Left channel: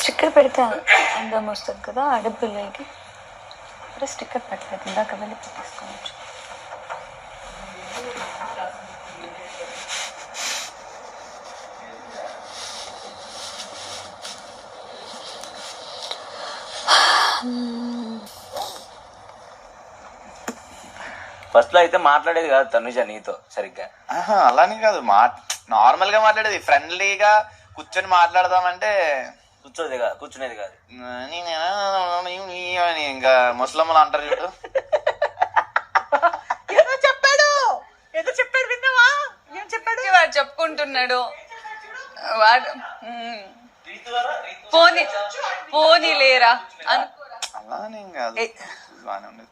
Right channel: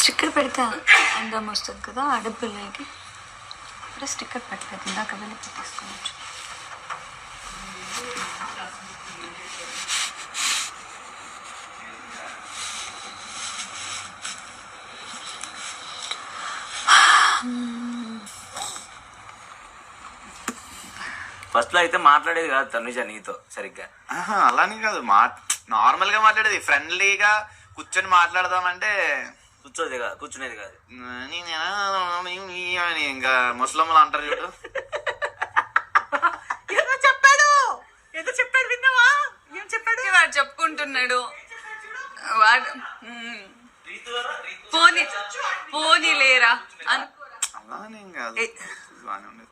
Sticker పెడితే అందం వస్తుంది కదా ఆడపిల్లలకి. ఇప్పుడు స్టిక్కర్ పెట్టలేదు, ఇందాక వెళ్ళి పెట్టేసుకోవచ్చు. ఫస్ట్ లో అయితే మాట్లాడేది కాదు తనుజ నీతో సరిగ్గా. అలానే కాదు, నార్మల్ గా మాట్లాడేది, ఫ్రెండ్లీగా కూర్చొని మాట్లాడదామంటే కూర్చునేది కాదు. ఇంకా ముసలమ్మలు అంటారు చూడు. ఏదో చెప్పాడు విన్నావా? ఏం చెప్పాడు? వాడు చెప్పుకుంటున్నాడు వాడు. పోనీ లేరా అలానే కాదు, బాగానే ఉండేది.